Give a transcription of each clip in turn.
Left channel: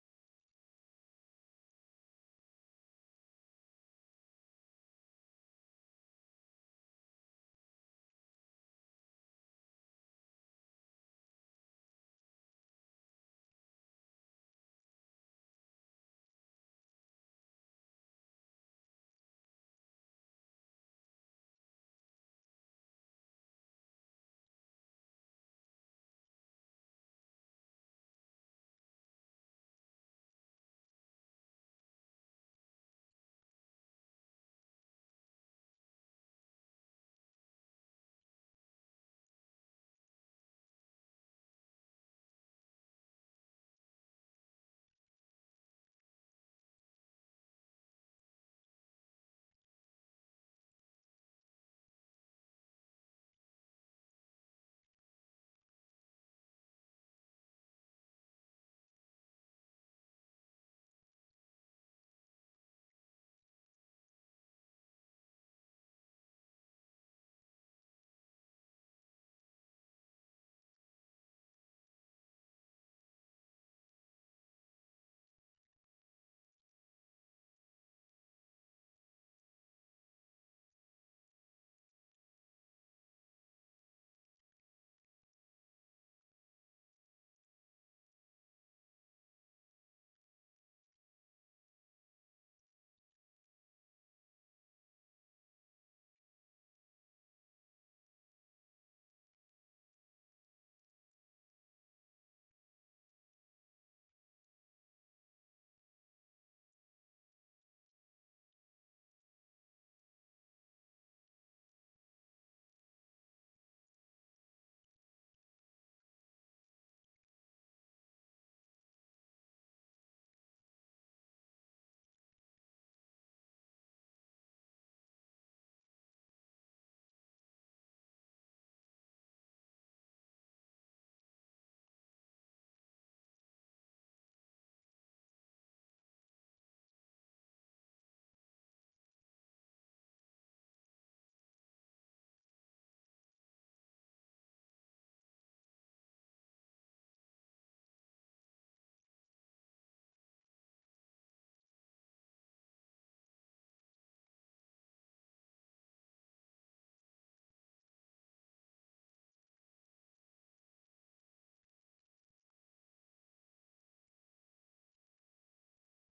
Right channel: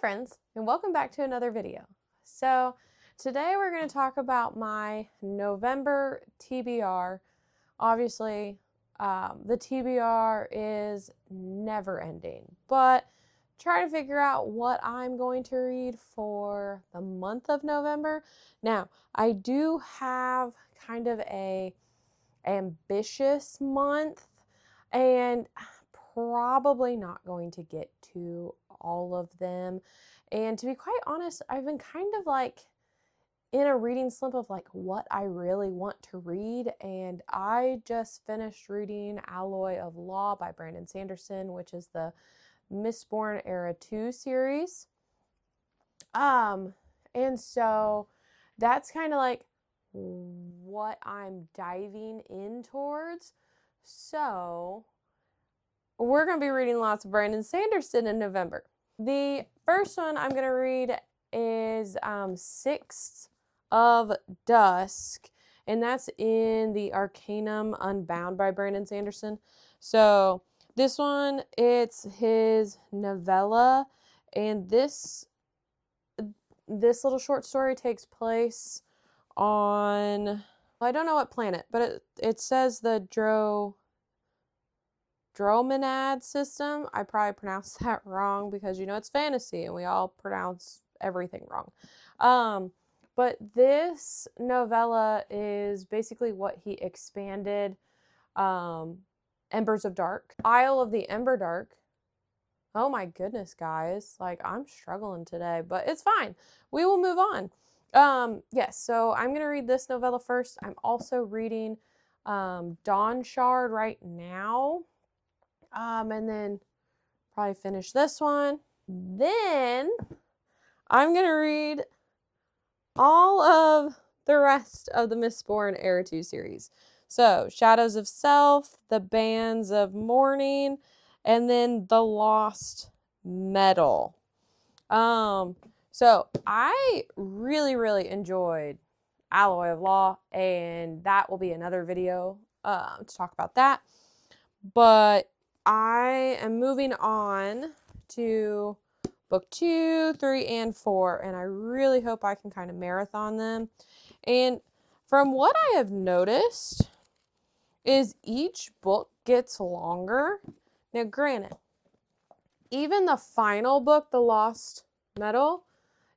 friends, and welcome back to another video. So today we're going to talk about my November TBR. Obviously, the TBR is never ending, but try to figure out what I'm going to read for the month of November. Now, I do have kind of a ambitious month, and probably not going to get to all of them. And to be quite honest, I've been kind of like in a reading slump of like what I really want to read. And I just finished reading Alloy of Law by Brandon Sanderson, which is the Mistborn Era 2 series. And so that's kind of like what I'm diving in towards. So we're going to be reading lots of Brandon Sanderson in November. The first one I'm going to read is Sixth of Dusk, and that's in the Arcanum Unbound by Brandon Sanderson. So this one, it's his novella, and this little short story takes place on, I don't know what planet, but it says the Dromenad system. I probably pronounced that wrong because it's fantasy and we all pronounce everything wrong. But this novella is basically what he expanded Embers of Dark. Isle of the Emberdark. Oh my goodness, guys. Like, I'm struggling today, but it's fine. We will move on. Yes, so I'm going to read this novella first. I'm also reading Dawn Shard right now. And then probably finish this one. Then I'm going to read all of the rest of the Mistborn Era 2 series. So, Shadows of Self, The Bands of Mourning, and then The Lost Metal. So I really enjoyed Alloy of Law, and that will be another video to talk about that. But I am moving on to book 2, 3, and 4, and I really hope I can kind of marathon them. And from what I have noticed is each book gets longer. Now, granted, even the final book, The Lost Metal,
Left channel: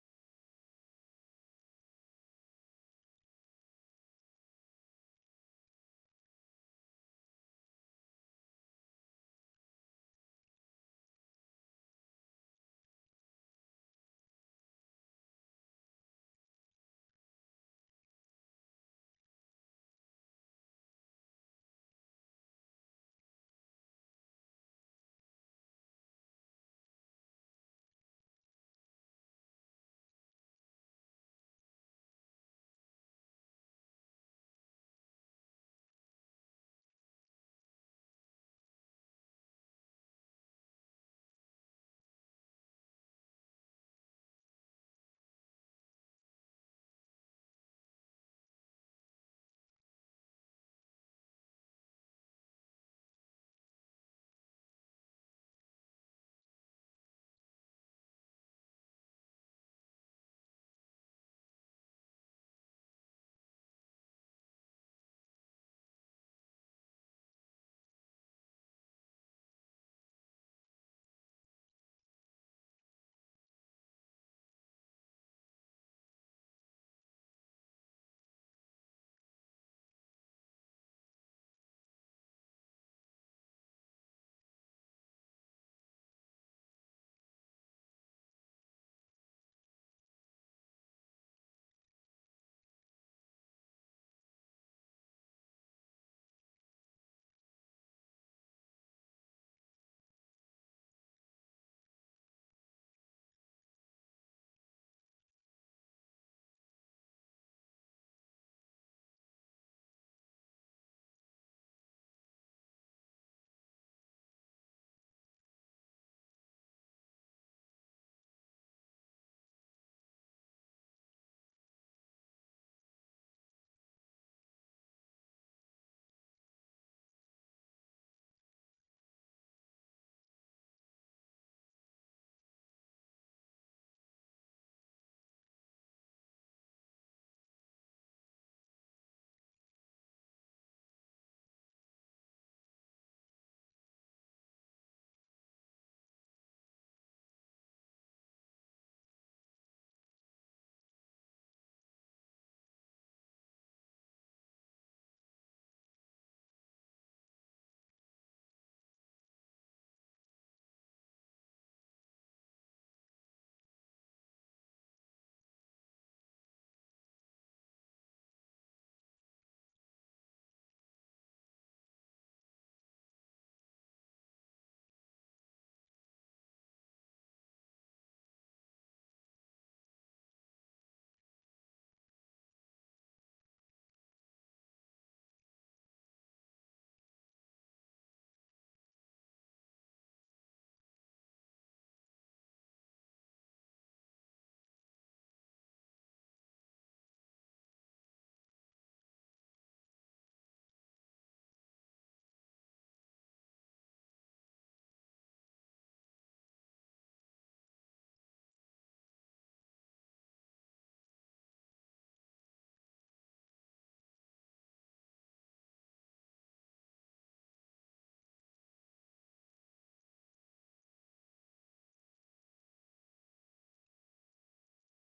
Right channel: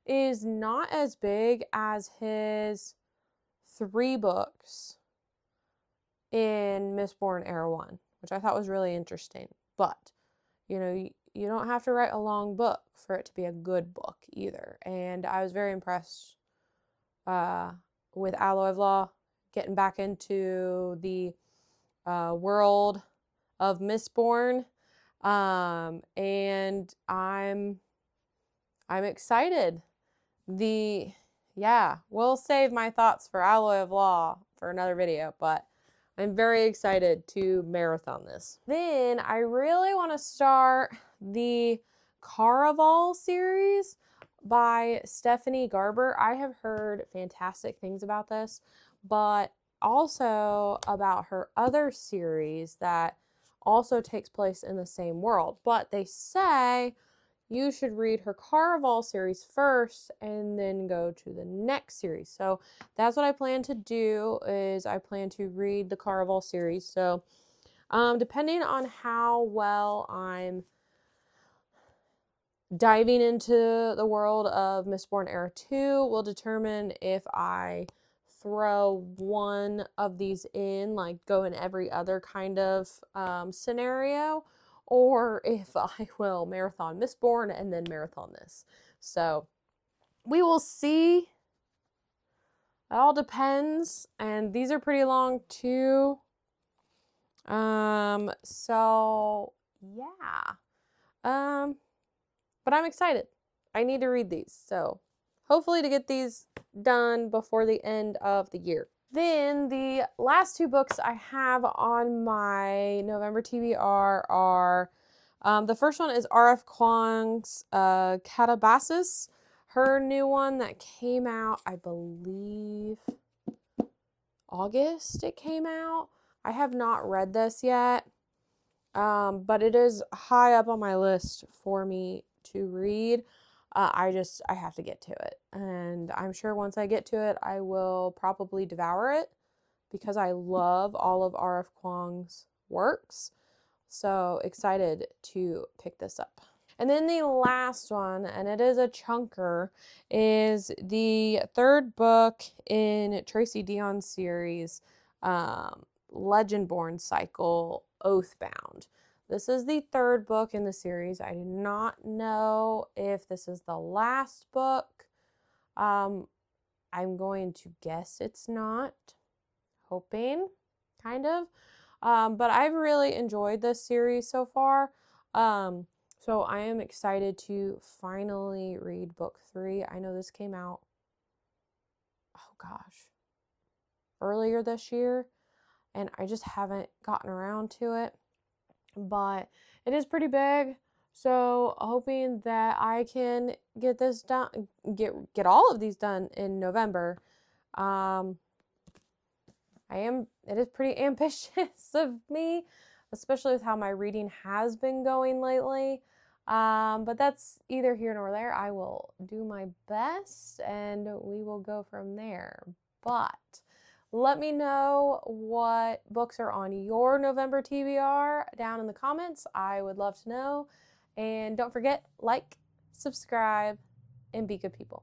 is not as big as his 3 books in Mistborn Era 1, which I thought was really interesting. But, you don't have to write a long book for it to be a good book either. And I was very impressed with Alloy of Law, getting back into the world of Mistborn. And I'm excited. We'll save my thoughts for Alloy of Law for another video, but I'm very excited to marathon this. Then I really want to start the Caraval series by Stephanie Garber. I have heard fantastic things about this, but also about her other series that also takes place in the same world. But they say you should read her Caraval series first and then go to the next series. So that's what I plan to do, is I plan to read the Caraval series. So depending on how well I'm diving into the world of Mistborn Era 2 will determine if I throw one of these in, like go in every other kind of scenario, or if I will marathon Mistborn and then marathon this. So we will see. It all depends. And these are pretty long too. So yeah. But I'm excited. I need to read these. So hopefully to get these done before the end of the year. Then the last 2 books I have on my November TBR are, the first one is R.F. Kuang's Catabasis, her new one that came out, I believe, August it came out. I have not read this yet, but it is high up on my list for me to read. I have to get to it. And I'm sure once I get to it, I will probably devour it because I love all of R.F. Kuang's works. So excited to pick this up. And then the last one, and it is a chunker, is the third book in Tracy Deon's series, Legendborn cycle, Oathbound. This is the third book in the series. I do not know if this is the last book. I'm going to guess it's not. Hoping, kind of. But I've really enjoyed this series so far. So I am excited to finally read book 3. I know this came out, oh gosh, earlier this year, and I just haven't gotten around to it. But it is pretty big, so hoping that I can get this done, get all of these done in November. It is pretty ambitious of me, especially with how my reading has been going lately. But that's either here nor there. I will do my best and we will go from there. But let me know what books are on your November TBR down in the comments. I would love to know. And don't forget, like, subscribe, and be good people.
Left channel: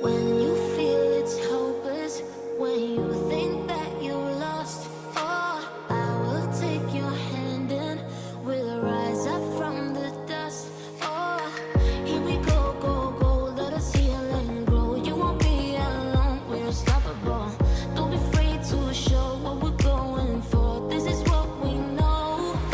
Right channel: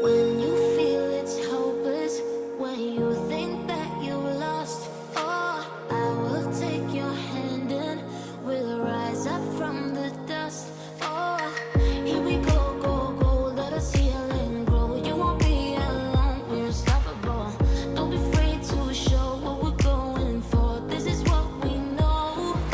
When you feel it's hopeless, when you think that you lost,